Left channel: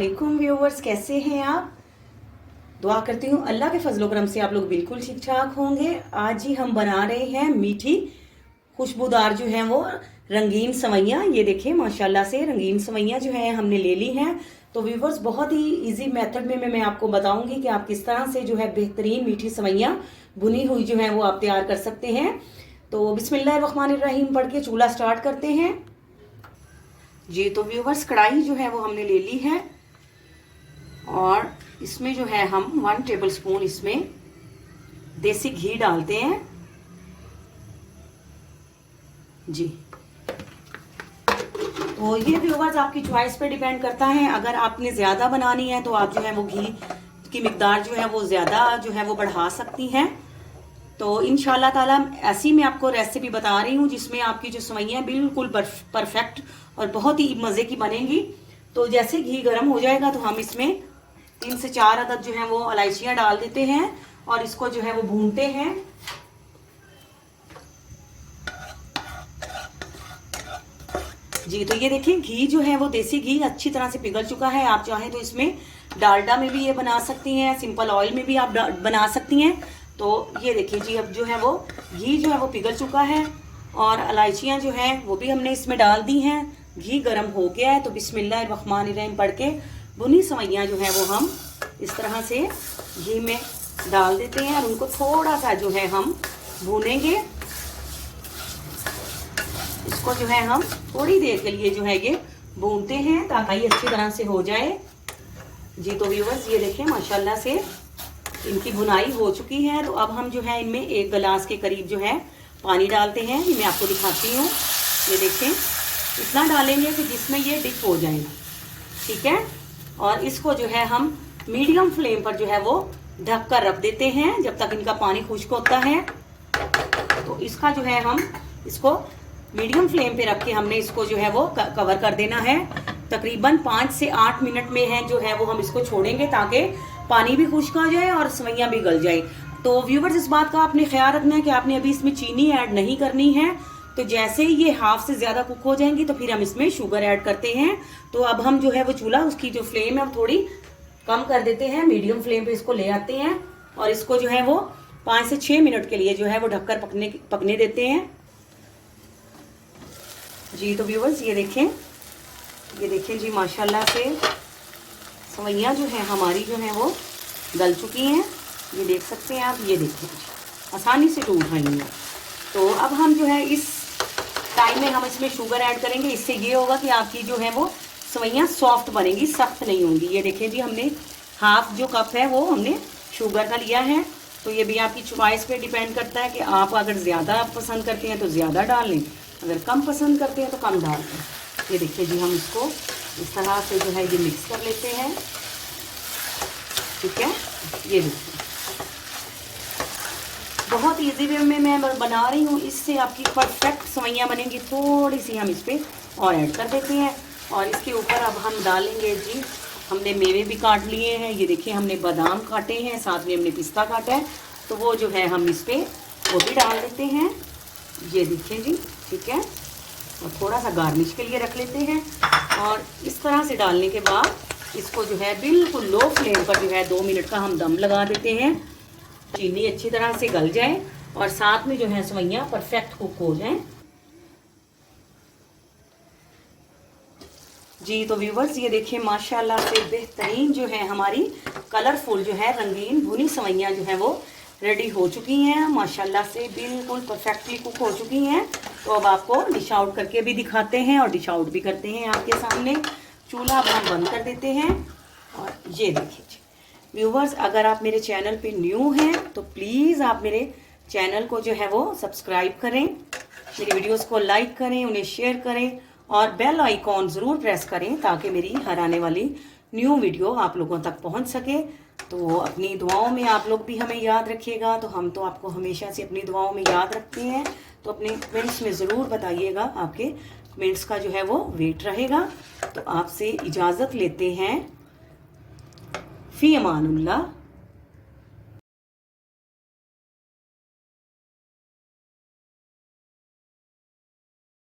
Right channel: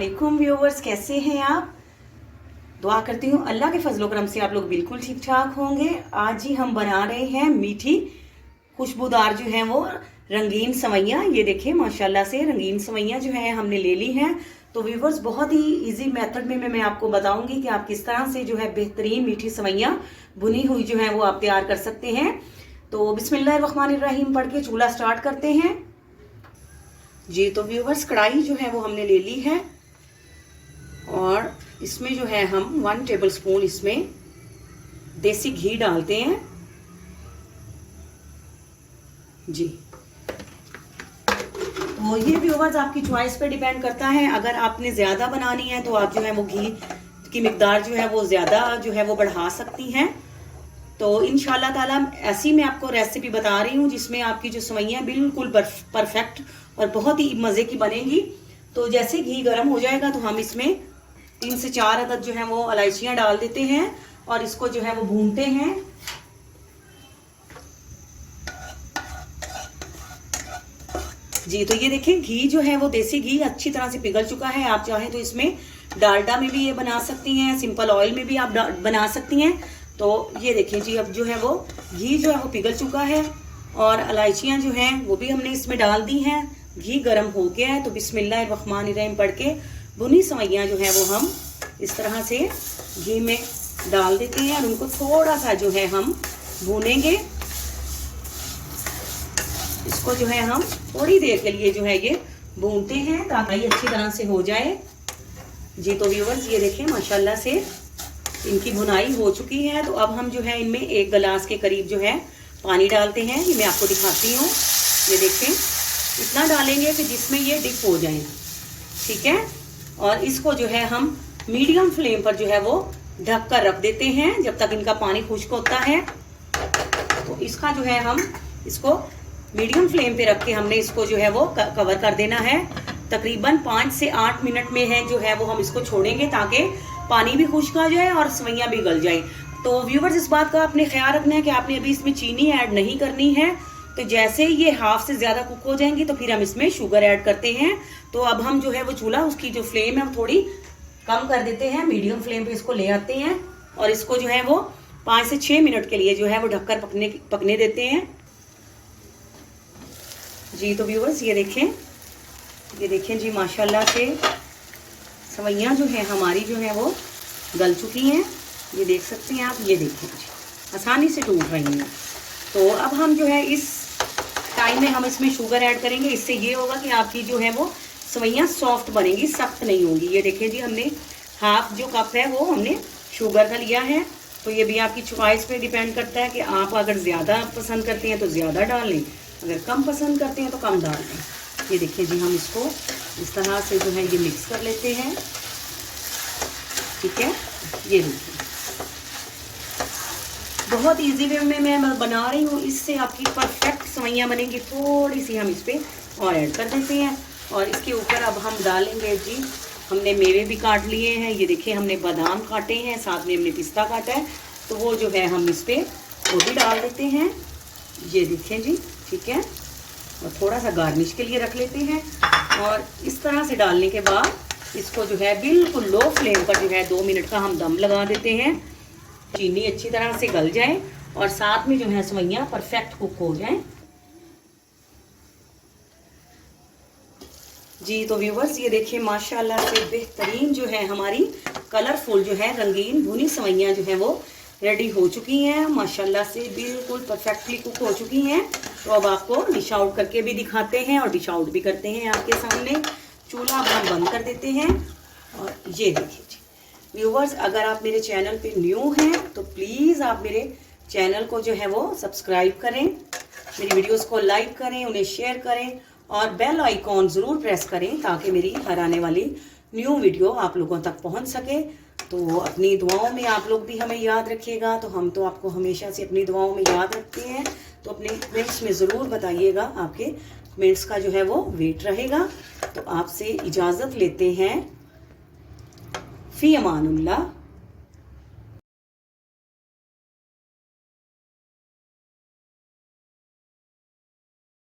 अस्सलामुअलैकुम व्यूवर्स, कैसे हैं आप। दुआ करती हूँ अल्लाह के फजलो करम से आप लोग बिल्कुल ठीक ठाक होंगे। आज ही हम बना रहे हैं मीठी खुशबूदार जो है वो रंगीन सवैयाँ। ये देखिए माशाल्लाह से रंगीन सवैयाँ जो है हमने ले ली हैं। तो व्यूवर्स बहुत ही इजी मेथड में मैं आपको बताऊंगी कि आप किस तरह से जो है बेहतरीन मीठी सवैयाँ बुनी हुई जो है वो आप तैयार कर सकते हैं। तो बिस्मिल्लाहिर्रहमानिर्रहीम पढ़ के चूल्हा स्टार्ट करते हैं जी। तो व्यूवर्स कढ़ाई जो है वो हमने ले ली है और इसमें जो है हम 1 टेबल स्पून इसमें देसी घी डालते हैं जी। तो ये व्यूवर्स आपकी चॉइस पे डिपेंड करता है। अगर आपने ज्यादा बनानी है तो आप जो है वो घी की मिकदार जो है वो ज्यादा जो है वो बढ़ा सकती हैं। तो इंशाल्लाह ताला ऐसी मैं आपको रेसिपी बता रही हूँ जिसमें आपकी जो सवैयाँ बिल्कुल परफेक्ट और बहुत ही मजे की बनेगी। तो जैसे घी गर्म हो जाएगा तो हम इसमें 3 से 4 अदद जो है वो इलायचियां डाल देते हैं और इसको जो है वो भूनते हैं जी। तो ये देखिए घी जो है वो देसी घी अच्छी तरह से पिघल चुका है। आप चाहें तो इसमें डालडा में भी ये बना सकती हैं, सिंपल ऑयल में भी आप बना सकती हैं। तो ये देखिए जी अब जो है वो घी जो है वो पिघल चुका है और इलायचियां जो हैं वो भी हमने इसमें डाल दी हैं। घी गर्म हो गया है तो बिस्मिल्लाहिर्रहमानिर्रहीम पढ़ के भुनी सवैयाँ जो है वो हम इस तरह से घी में डाल देते हैं और उनको थोड़ा सा जो है हम भूनेंगे। इसको जो है हम थोड़ी देर के लिए जो है ये भूनते हैं ताकि ये अच्छी तरह से हो जाए जी। तो व्यूवर्स ये देखें माशाल्लाह से इनकी भुनाई हो चुकी है। तो अब हम जो है इनमें 1 गिलास के करीब जो है पानी डालते हैं। ये मैं आपको दिखाती हूँ। ये देखें इतना डालेंगे कि जिसमें ये डिप हो जाए, ठीक है। और इसको जो है हम मीडियम फ्लेम पर जो है वो ढक कर रख देते हैं जब तक इनका पानी खुश्क होता है। तो इसका जो है हम इसको मीडियम फ्लेम पे रख के हमने इसको जो है वो कवर कर देना है। तकरीबन 5 से 8 मिनट में है जो है वो हम इसको छोड़ेंगे ताकि पानी भी खुश्क हो जाए और सवैयाँ भी गल जाए। तो व्यूवर्स इस बात का आपने ख्याल रखना है कि आपने अभी इसमें चीनी ऐड नहीं करनी है। तो जैसे ही ये हाफ से ज्यादा कुक हो जाएंगी तो फिर हम इसमें शुगर ऐड करते हैं। तो अब हम जो है वो चूल्हा उसकी जो फ्लेम है वो थोड़ी कम कर देते हैं, मीडियम फ्लेम पे इसको ले आते हैं और इसको जो है वो 5 से 6 मिनट के लिए जो है वो ढककर पकने देते हैं जी। तो व्यूवर्स ये देखें जी माशाल्लाह से सवैयाँ जो है हमारी जो है वो गल चुकी हैं। ये देख सकते हैं आप, ये देखें जी आसानी से टूट रही हैं। तो अब हम जो है इस टाइम में हम इसमें शुगर ऐड करेंगे। इससे ये होगा कि आपकी जो है वो सवैयाँ सॉफ्ट बनेगी, सख्त नहीं होंगी। ये देखें जी हमने हाफ जो कप है वो हमने शुगर का लिया है। तो ये भी आपकी चॉइस पे डिपेंड करता है कि आप अगर ज़्यादा पसंद करते हैं तो ज़्यादा डाल लें, अगर कम पसंद करते हैं तो कम डाल लें। ये देखिए जी हम इसको इस तरह से जो है ये मिक्स कर लेते हैं, ठीक है। ये देखिए बहुत इजी वे में मैं बना रही हूँ, इससे आपकी परफेक्ट सवैयाँ बनेगी। थोड़ी सी हम इस पर और ऐड कर देते हैं और इसके ऊपर अब हम डालेंगे जी हमने मेवे भी काट लिए हैं। ये देखिए हमने बादाम काटे हैं, साथ में हमने पिस्ता काटा है। तो वो जो है हम इस पर वो भी डाल देते हैं। ये देखिए जी, ठीक है। और थोड़ा सा गार्निश के लिए रख लेते हैं और इस तरह से डालने के बाद इसको जो है बिल्कुल लो फ्लेम पर जो है 2 मिनट का हम दम लगा देते हैं। चीनी अच्छी तरह से गल जाए और साथ में जो है सवैयाँ परफेक्ट कुक हो जाए जी। तो व्यूवर्स ये देखिए माशाल्लाह से बेहतरीन जो है हमारी कलरफुल जो है रंगीन भुनी सवैयाँ जो है वो रेडी हो चुकी हैं। माशाल्लाह से बिल्कुल परफेक्टली कुक हो चुकी हैं। तो अब आपको डिश आउट करके भी दिखाते हैं और डिश आउट भी करते हैं आपके सामने। चूल्हा अब हम बंद कर देते हैं और ये देखिए व्यूवर्स अगर आप मेरे चैनल पे न्यू हैं तो प्लीज़ आप मेरे चैनल को जो है वो सब्सक्राइब करें, मेरी वीडियोस को लाइक करें, उन्हें शेयर करें और बेल आइकॉन ज़रूर प्रेस करें ताकि मेरी हर आने वाली न्यू वीडियो आप लोगों तक पहुंच सके। तो अपनी दुआओं में आप लोग भी हमें याद रखिएगा। तो हम तो आपको हमेशा से अपनी दुआओं में याद रखते हैं। तो अपने कमेंट्स में ज़रूर बताइएगा, आपके कमेंट्स का जो है वो वेट रहेगा। तो आपसे इजाज़त लेते हैं। फ़ी अमानुल्लाह।